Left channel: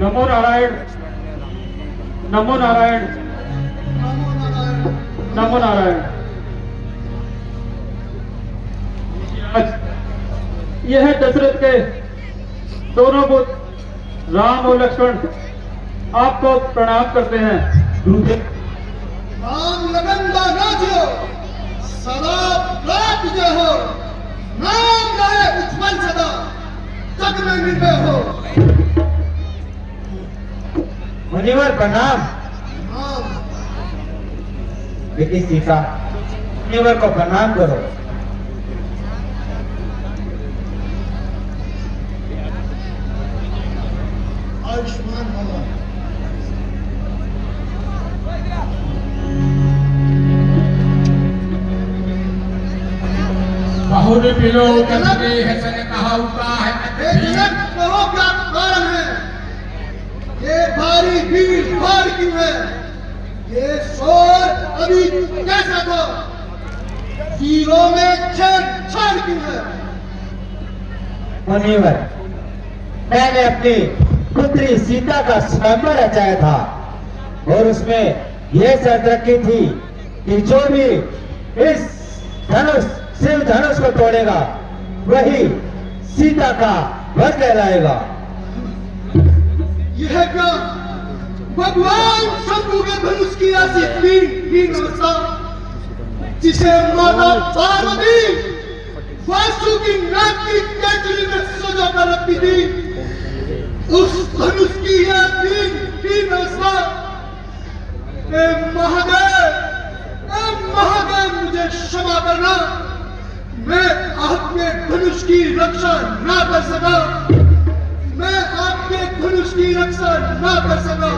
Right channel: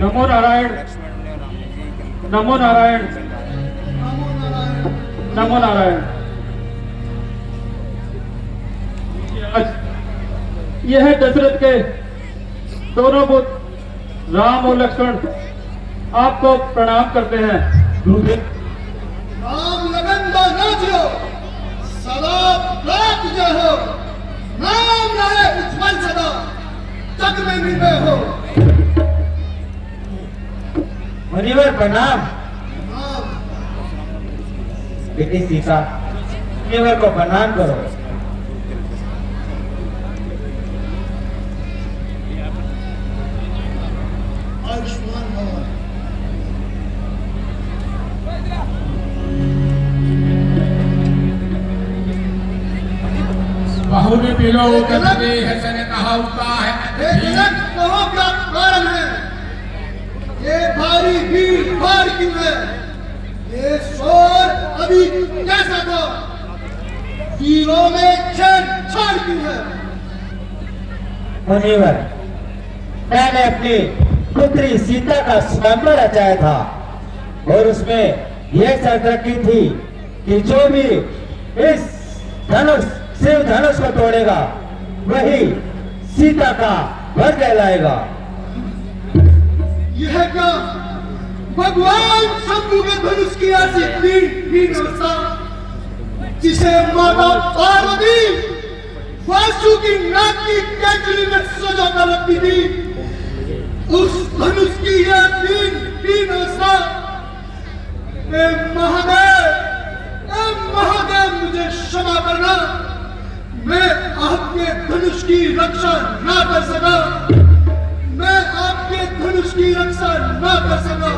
नमो नारायण, नमो नारायण, नमो नारायण। यह है दशरथ के दोनों पुत्र राम और लक्ष्मण आपको प्रणाम करते हैं। राम लगन बाजो सदा लाख जय हो, नाम रहे उज्जवल सदा, जग में निर्भय हो। मुनिवर प्रणाम। बेटी सीता, मुनिवर को प्रणाम करो। बहुरे पिलो कभी हसन कहा होता है। कहो क्या कारण है, ये भारी भीड़ भाड़ क्यों है, ये शोर अभी कैसा था, तीनों में छेड़छाड़ क्यों है। मुनिवर, मैंने अपनी पुत्री सीता का स्वयंवर रचाया था और उसमें ये शर्त रखी थी कि जो भी इस धनुष शिव धनुष को तोड़ेगा वही सीता का वर कहलाएगा। यह क्या भगवान शंभु के धनुष की ऐसी तीन अवस्था जिसे माता पार्वती वासुकी नाग की कैचुली में सजा कर रखी थी, उस धनुष की यह तीन अवस्था। महादेव मुझे क्षमा करना, मैं आपके धनुष की रक्षा ना कर सका, मैं आपके धनुष की रक्षा ना कर सका।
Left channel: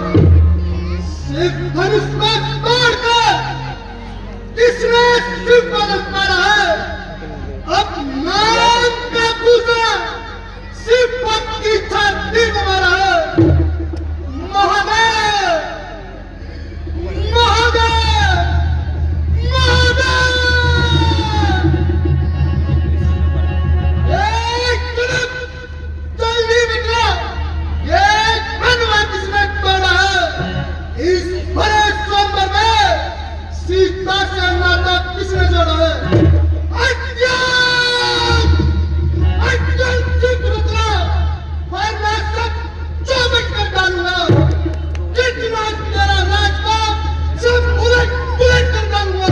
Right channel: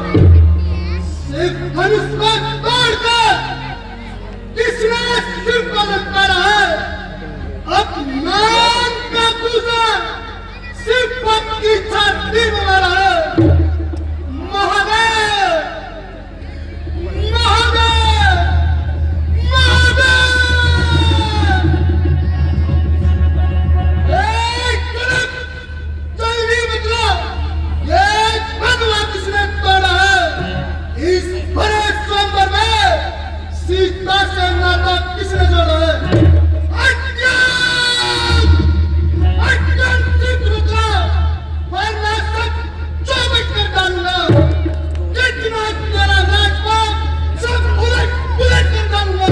सिर्फ धनुष को तोड़कर किसने सिर्फ मदद करा है, अब नाम का दूसर सिर्फ पद की छाती में मरा है। महादेव, महादेव, महादेव। सीता से नाता किसने जोड़ा है? वरना सब चौबट कर डालूंगा। जितना तेरा राजपाट सब उलट पुलट कर डालूंगा।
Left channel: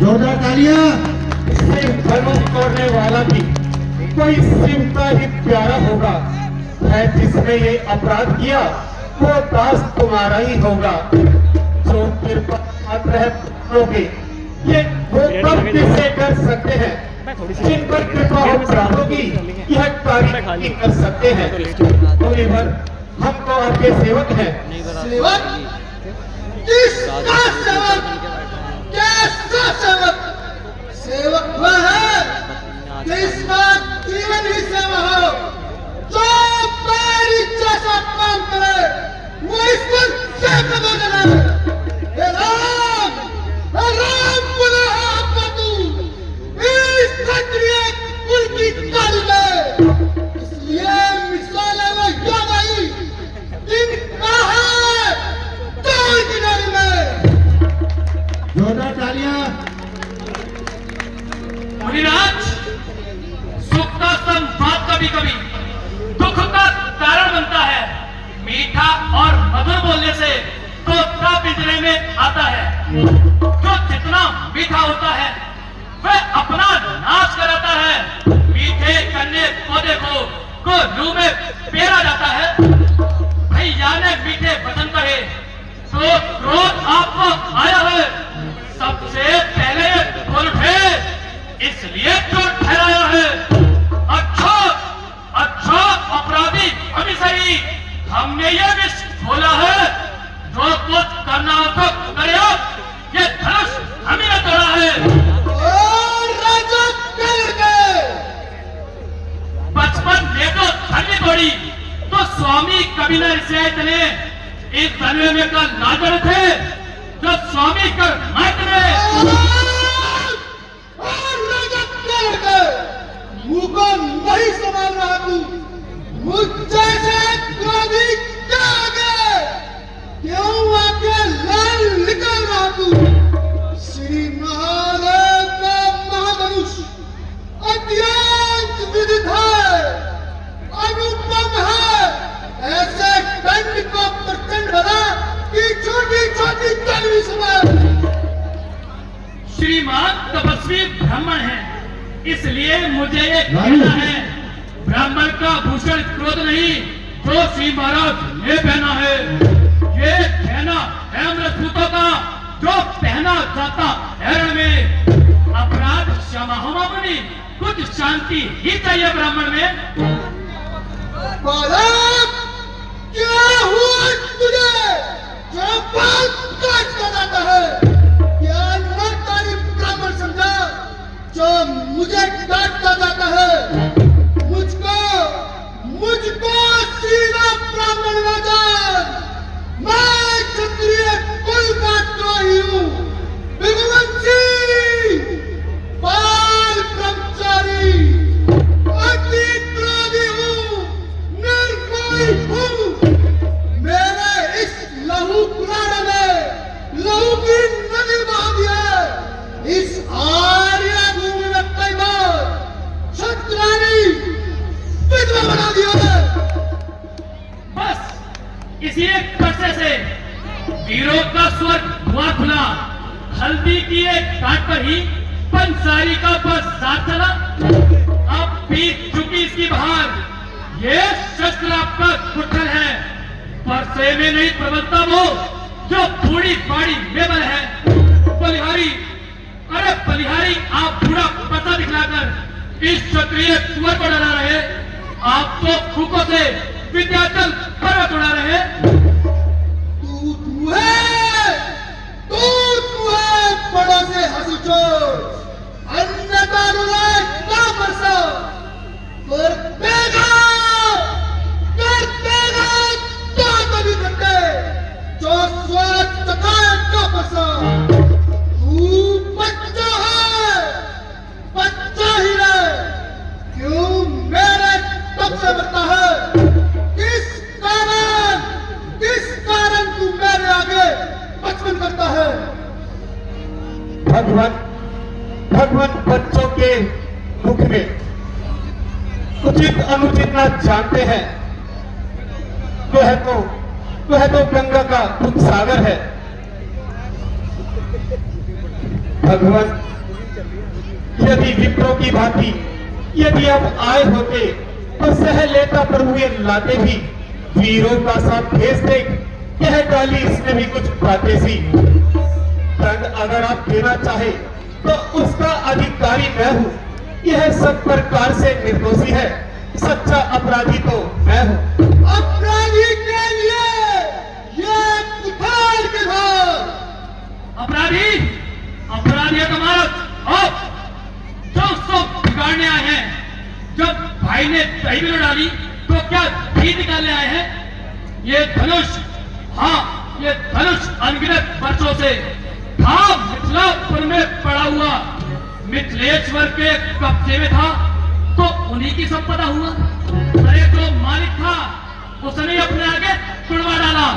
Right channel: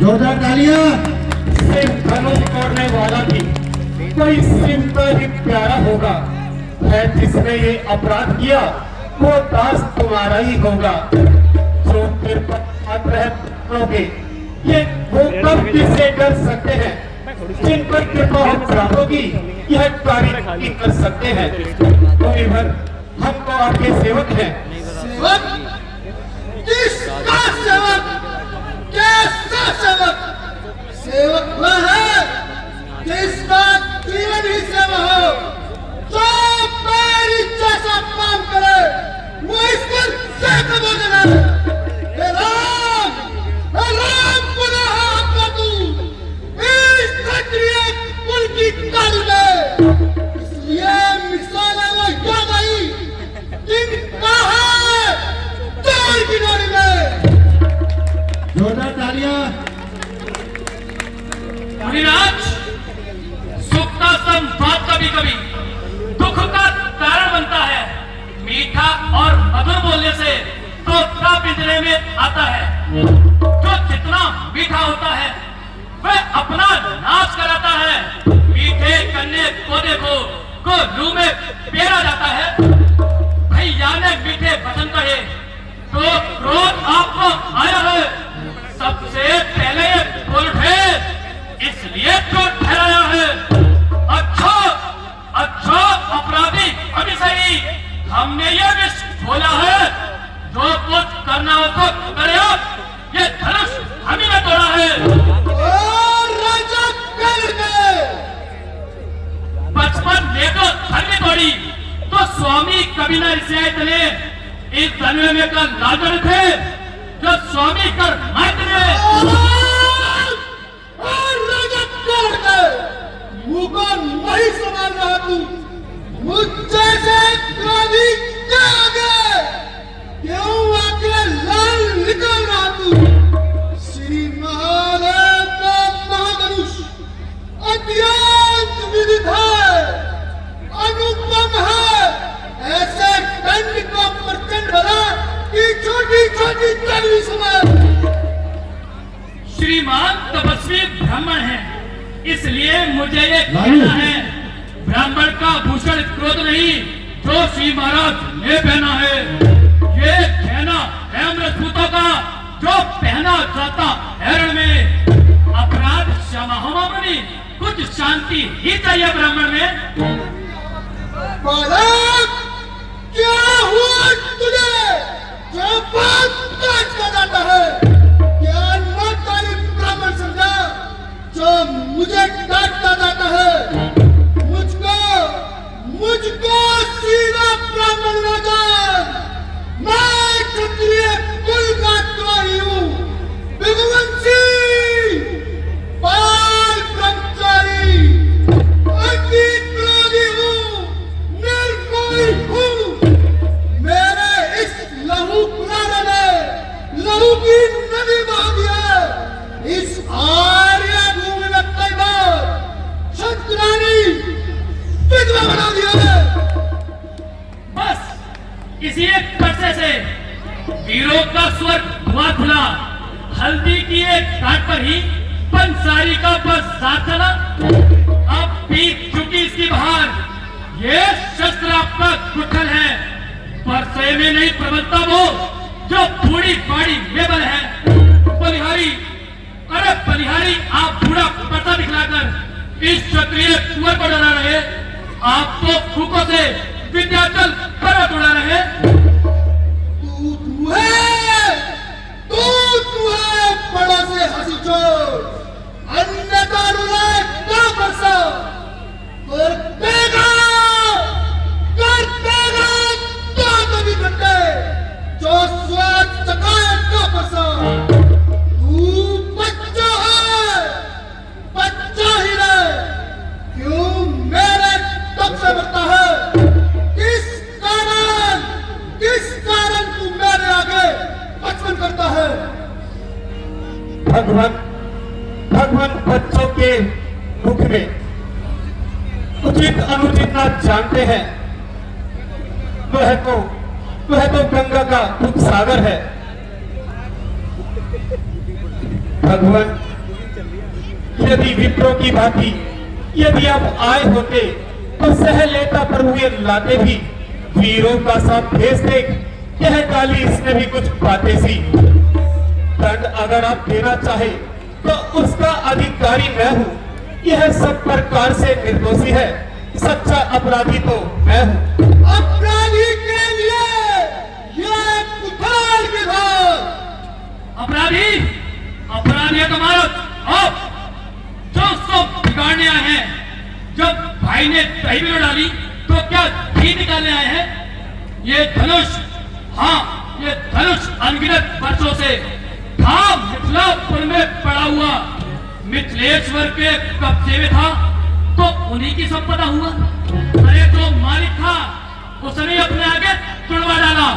जोरदार तालियां। सिर्फ धनुष तोड़ने वाला भी कोई शिव का ही प्यारा होगा है, जिसने ये अपराध किया वो दास तुम्हारा ही होगा। जो ये वो कब किससे डर सकते हैं, जिन पर कृपा हो प्रभु की यह कार्य कर सकते हैं। मुनिवर, हम तो आपके सेवक हैं। सेवक? किसका सेवक? कैसा सेवक? सेवक वह है जिसका जीवन ही सेवा हो, जो मेरी जैसा काम करे वो इस पर सेवक बने। सुख का संवाद कभी कभी दुख का कारण बनता है। मीठा और मधुर बोलने से तोता पिंजरे में आता है। जो जितना मीठा होता है वह अपना नाश कराता है। मीठे करने पौधे को लू में पेरा जाता है। भैया ने मीठे वचन कहे तो क्रोध आपको आया है। सबसे पहले बोल उठे, इसलिए क्यों ठहराया है? अच्छा अपराधी अभी सही, हमने ये विष बोला है, जो कुछ करना हो तो करे। ये धनुष हम ही ने तोड़ा है। राजा बचपन ने तो धन तोड़ी, तो स्वामी कभी न ऋषि ने इस धनुष में का राजन थे जो स्वामी कर मायने मुंह को नहीं संभाल रहा तू, मुझ जैसे क्रोधी क्या आ गए? क्यों आके लाल निकल रहा तू? श्री महादेव का महाधनुष अत्यंत विदित है, अनुपम है, ऐसे दंड को प्रचंड बना कि छोटी छोटी तलवी समय। श्रीमान तपस्वी ब्राह्मण है, इसलिए मुझे ये कहना है, ब्राह्मण का भूषण क्रोध नहीं जो श्री महाराज ने पहना है, ये कहना है राजपूतों का जो पहना जाता हरण में। अपराध क्षमा होनी, कुछ शांति ही चाहिए ब्राह्मण में। बालक, क्या हुआ तुझे जो बात काट कर जाता है? क्या नातारी ब्राह्मण समझा जो मुझे काटता जाता है? मुझको सीधा ब्राह्मण न जान, मैं क्षत्रिय कुल का द्रोही हूँ, विध्वंसी, बाल ब्रह्मचारी, अति क्रोधी हूँ, निर्मोही हूँ। मेरे इस लहू कुराने में लहू की नदी बहा दिया, इस आर्य भूमि में तैनात क्षत्राणी विधवा बना दिया है। बस इसी एक कर्से से वीरों का स्वर्ग धुआं खुला, हल्दी की एक काट पर ही पंसारी का बस साथ चला। अब बीत चुकी इसकी बहार, ये शस्त्र आपका कुठल है, परसे में नहीं प्रबलता वो जो बूढ़ी बाड़ी में बल है। बलिहारी, अरे बलिहारी, आप बूढ़ा पता दिखलाकर इस क्षत्रिय कुंवर पर डरा रहे, आप तो फूकों से विद्याचल पर्वत उड़ा रहे। तू है बड़ा से हंसी चोर, अन्यथा रुलाए क्या बरसा कर देगा तो भी करते जो स्वाद चखाए क्या बरसा। तू बच्चा है, बच्चा ही रहे, क्यों मेरे तब से मरता है? किस कारण तू मेरे आगे बचपन करता है? भगवान बच्चों के मुख में उचित अनुचित ना जानते हैं। वह तो गंगा का दूध सागर है। भगवान, यदि विप्रों की भांति यदि आप आए होते तो सह लेता पर हुए लाते भी, वीरों का साथ भेज दे, यह गाली इसने भी कुछ बातें सी। दंड अगर आप देना चाहे तो उसका अधिकारी मैं हूँ, यह सब प्रकार से निर्दोषी है, सच्चा अपराधी तो मैं हूँ। अपराधी के लिए ये कुठार के धार। अपराधी, अपराधी का मारत जो सब बिगाड़ने आए हैं। जब भाई ने दही में डाली तो क्या घी निकालने आए हैं? ये धनुष, हाँ ये धनुष अनगिनत वर्षों से था मिथिलापुर में पड़ा हुआ, मिथिलेश्वर के कब्जे में था, तो उन्हीं की संपदा हुआ। अरे जो मालिक था उसने अपने आगे तुड़वा डाला।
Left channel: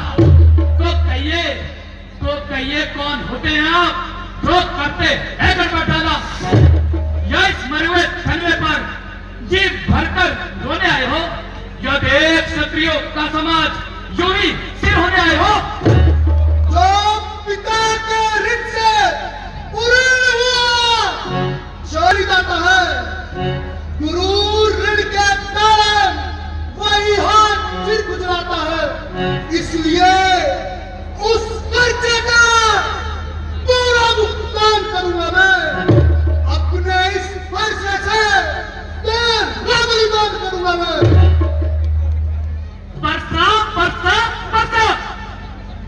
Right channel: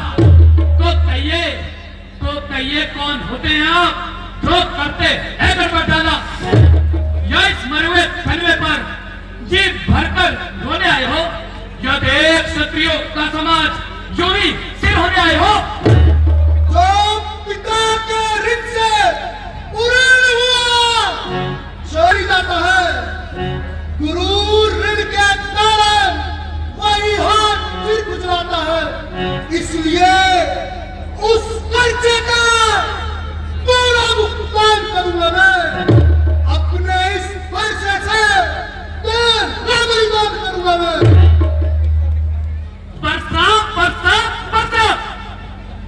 तो कहिए कौन होते हैं आप जो करते है गड़बड़ डाला? या इस मरे हुए खनवे पर जी भरकर रोने आए हो, या देश क्षत्रियों का समाज यूं ही सिर होने आए हो? जो पिता के ऋण से पूर्ण हुआ चोरी जाता है, गुरु ऋण के कारण वही हाथ फिर गुजराता है। इसलिए उस कर्जे का पूरा भुगतान करूंगा मैं, अपने इस फैसले से रावण करूंगा मैं।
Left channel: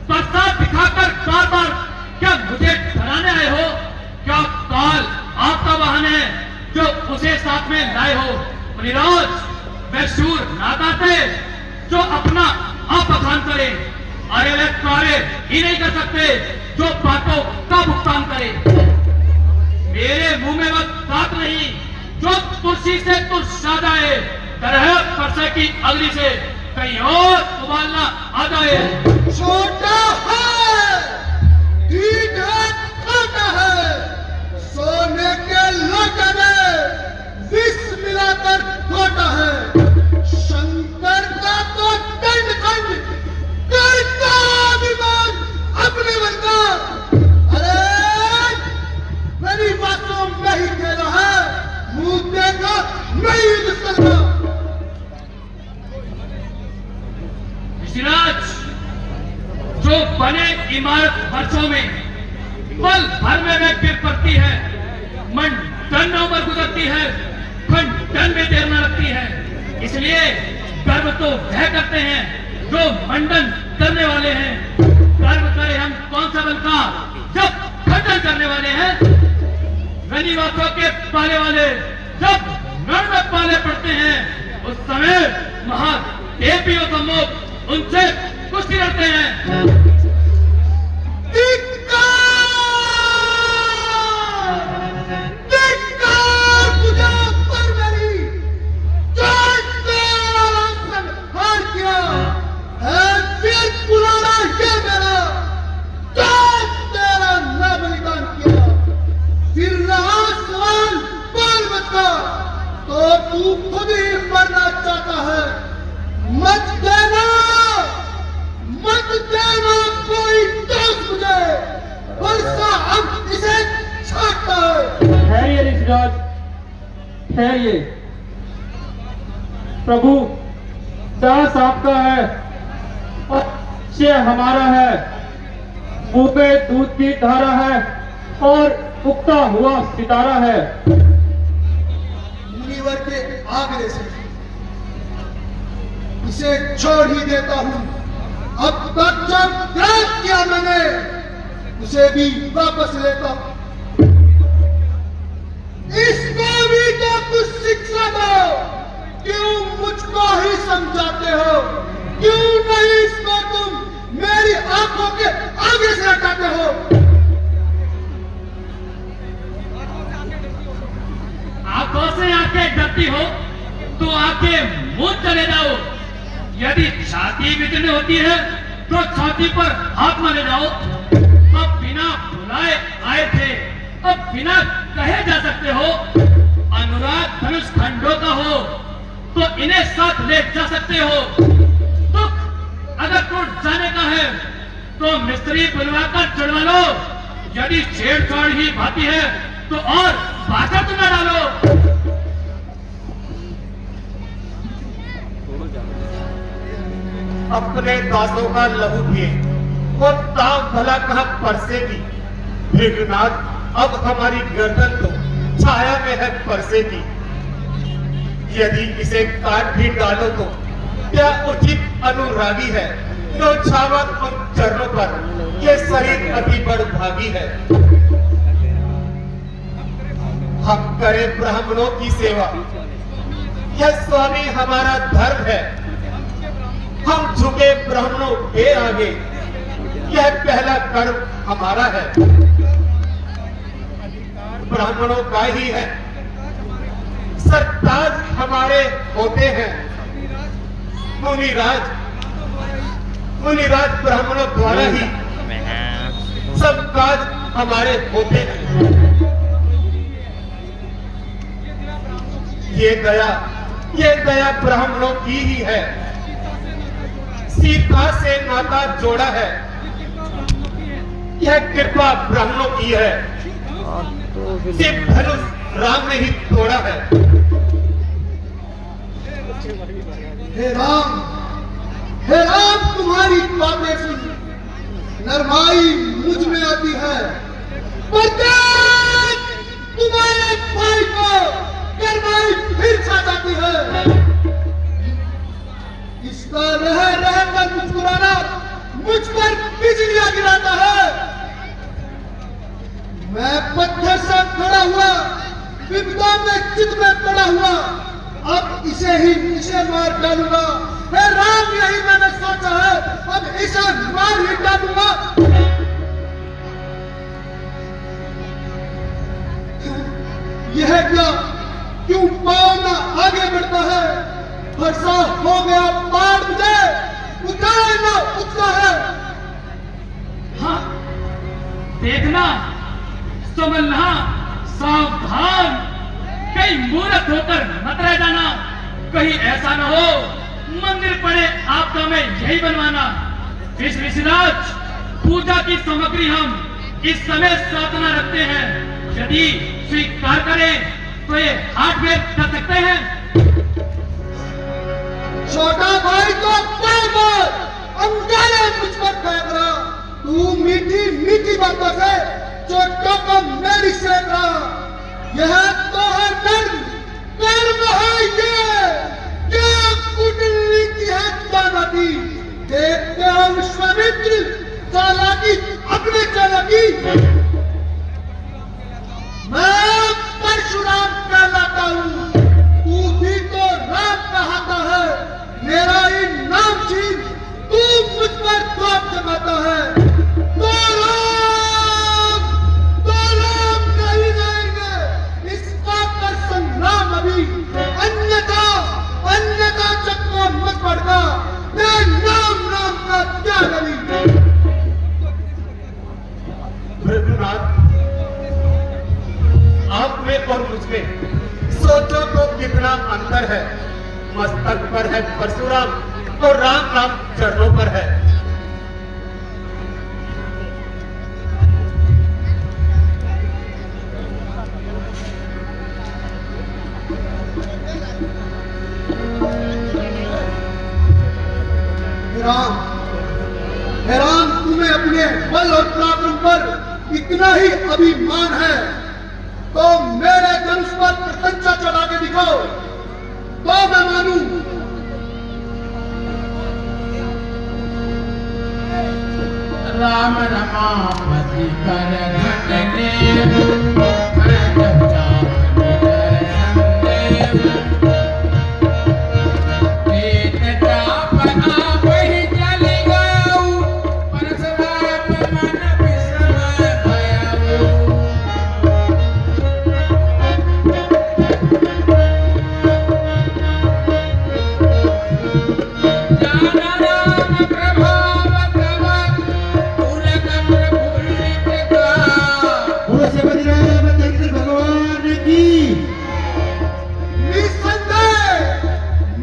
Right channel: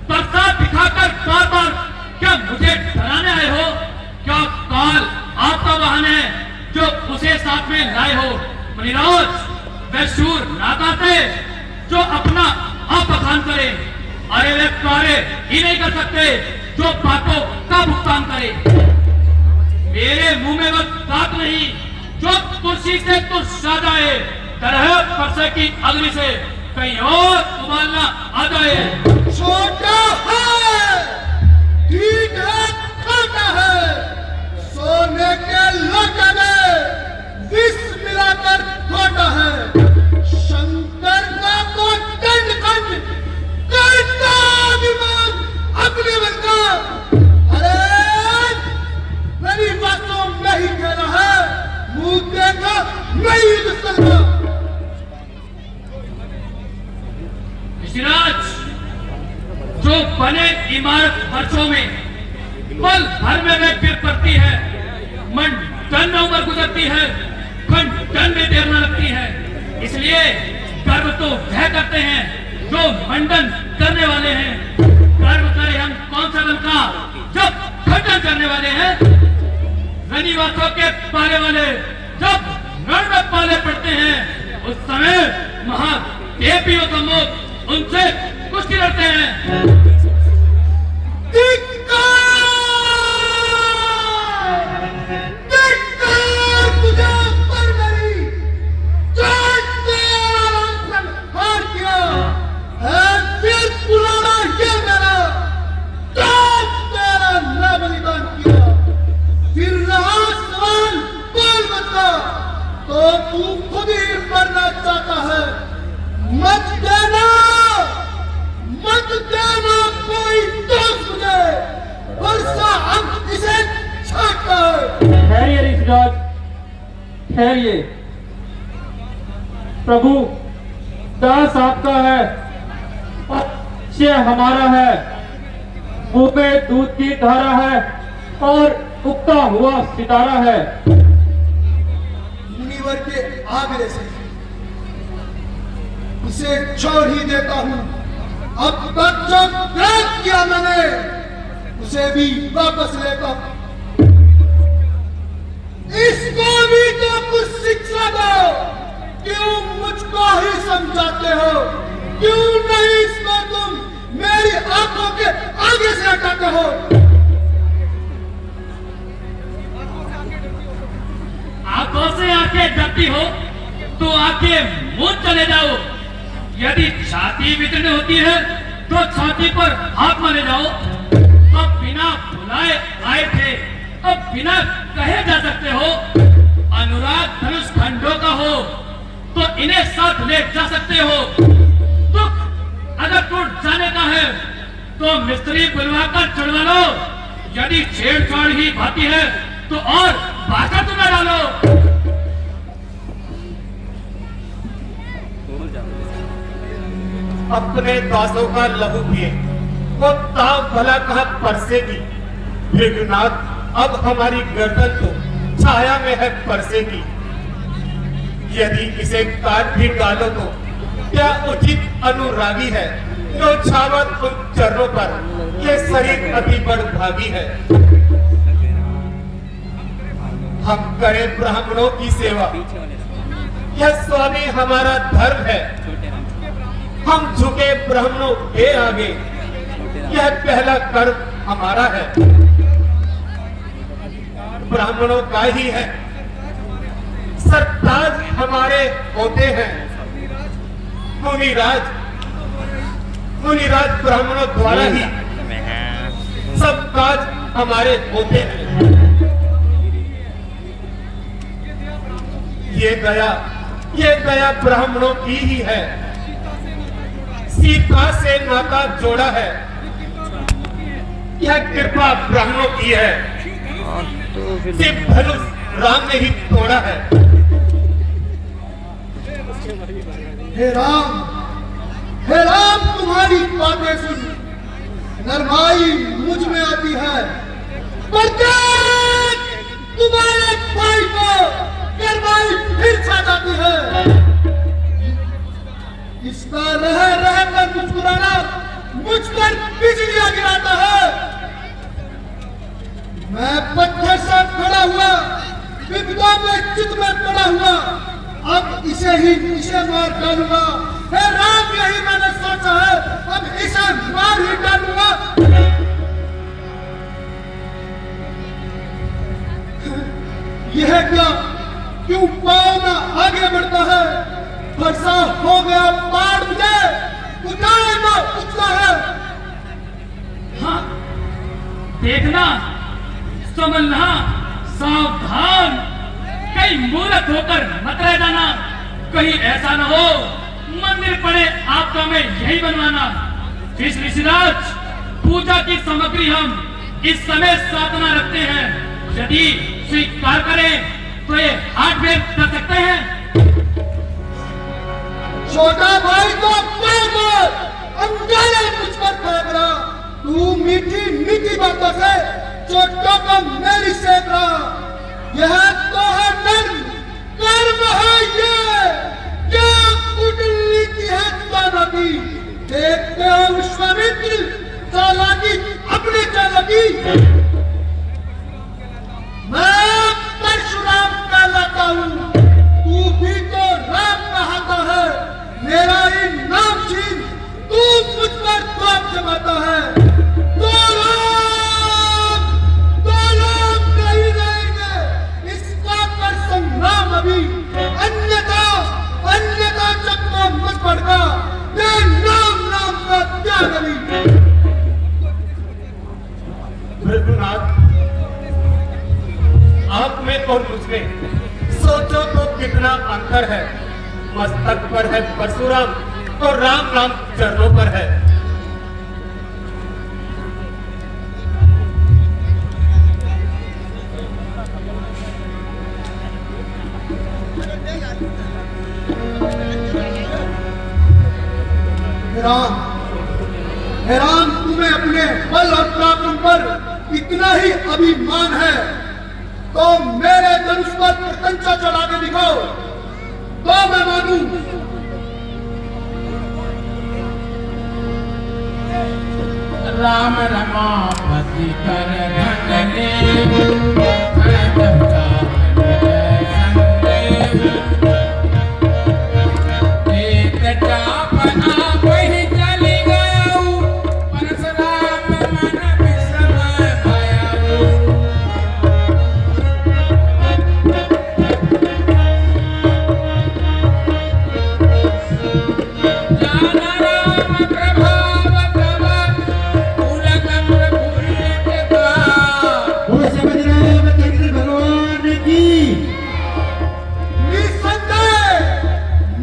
बरसात दिखाकर बार बार क्या मुझे डराने आए हो? क्या काल आपका वाहन है जो उसे साथ में लाए हो? निरोज वैश्यूर नादाते जो अपना अपखान करे। अरे वे कारे ही नहीं कर सकते जो पापों का भुगतान करे। मेरे मुंह में मत बात नहीं, जो तुलसी से तू सादा है, तरह परसे की अग्नि से कहीं और उबालना आ जाए। छोटा है, ठीक है, छोटा है, सोने के लोटे में विष मिलाकर खोटा है। शंकर का तो खंड खंड करता अभिमान अपने मन का। अरे मेरी बातों में ही कहना है, मुंह देगा नहीं दुश्मन का। ऋषिराज, जो बने इमारत वर्षों में पल भर में गिर पड़ती है, मन टन में उम्र गुजरती है, खंड टन में देर न लगती है। इसलिए गर्व तो वह करते हैं जो मंडन करने वाले हैं। गर्व करें हम कौन सा बल का जब खंडन करने वाले हैं। रनिवासों के पाले वाले जब रण में पाले पड़ते हैं, उस समय महादेवी और सम्मोद उनसे कुश्ती लड़ते हैं। तो तू खुद ही मरना चाहता है। मत देना कोई दोस्त मुझे, वर्षा अब इसे छाटता है। ठहरिए ऋषिराज, ठहरिए। प्रभु, दास आपका है और ये हमारा है। मुंह में दूध की धारा है और उगता हुआ सितारा है। मुनिवर के आगे से इसे छोड़ ही देता हूं। अब तक जब त्याग किया मैंने, उसे भी वापस लेता हूं। इसको भी तो कुछ शिक्षा दो। क्यों मुझको ही समझाते हो? क्यों नहीं इसको तुम मेरी आंखों के आगे से हटाते हो? आंखों से आंखें डरती हो तो आके मुंह चले जाओ। यदि छाती बिचने होती है तो छाती पर हाथ मारे जाओ। अब बिना बुलाए आए थे, अब बिना कहे जा सकते हो। अनुराग धनुष खंडों का हो तो इन्हें साथ ले जा सकते हो। दुख अगर टूट जाने का है तो मिस्त्री बुलवाकर जुड़वा लो। यदि छेड़छाड़ ही भाती है तो और बाजा तुम्हें डालो। अपने दासों का लहू पिए वो ताव भला कहा परसेगी। भृगुनाथ, अब हमारी गर्दन तो छाया में है परसेगी। यदि इसे काट भी डालो तो क्या उचित अनुरागी है? छावत उन चरणों पर ये शरीर अति बड़ भागी है। हम करें ब्राह्मणों की सेवा, यह स्वामी हमारा धर्म है। हम झुके ब्राह्मणों के आगे, यह पहला कर्म हमारा है। ब्राह्मणों का ही है, सरताज हमारे होते हैं। मुनिराज ब्राह्मणों द्वारा ही सब काज हमारे होते हैं। ये दया ब्राह्मणों की ही है। सीता से नाता जोड़ा है, यह कृपा ब्राह्मणों की है। सिर्फ धनुष राम ने ही तोड़ा है। हे राम, तुम्हारी बातें सुन नरमाई मुझ में आती है। तुम्हारे भाई को नरमाई फिर छा जाती है। इसका रह कर मुस्कुराना मुझ पर बिजलियां गिराता है। मैं पत्थर से खड़ा हुआ, विपदा में चित में पड़ा हुआ, अब इसे मार डालूंगा। हे राम, यही मैंने सोचा है, अब इसे मार ही डालूंगा। देखना, समझना, सावधान, कहीं मूर्ख होकर मत रह जाना। कहीं ऐसा न हो मंदिर पड़े आपदा में यही बनवाना। इस ऋषिराज पूजा की सामग्री हम इस समय साधना रखते हैं, यदि स्वीकार करें तो ये 8 बेर कर सकते हैं। छोटा भाई को मार दो, अंगारे मुझ पर फेंक रहा। तू मीठी मीठी बातों से छोटों को मेरी सेक रहा। यह तो है कर्म है ये, क्या कुंडली की है दानवी। देखते हो विश्वामित्र चालाकी अपने चालाकी। मैं परशुराम कहलाता हूँ, तू भी तो राम कहता है। मेरा ही नाम छीन तू मुझ पर पाप जमाता है। तो राम नहीं रहेंगे, इसका पर संग्राम अभी। अन्यथा चकमा मत पड़ता, ये नाम का त्याग अभी। भृगुनाथ, आप में और मुझ में सोचो तो कितना अंतर है। मस्तक पर है परशुराम तो राम राम चरणों पर है। राम, तुम्हें अपने बल और पराक्रम पर इतना ही अभिमान है तो मेरे धनुष पर प्रशंसा चढ़ा के दिखाओ, तो मैं मानूं। राम रमापति कर घटने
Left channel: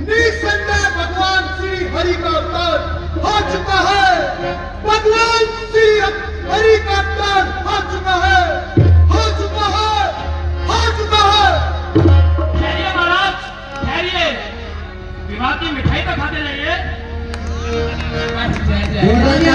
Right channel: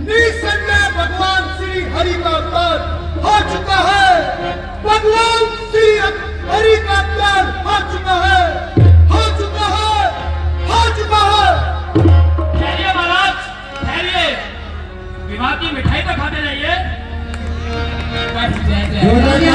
निसंदेह भगवान श्री हरि का अवतार हो चुका है। भगवान श्री हरि का अवतार हो चुका है, हो चुका है, हो चुका है। ठहरिए महाराज, ठहरिए। विवाह की मिठाई तो खाते जाइए। जय जय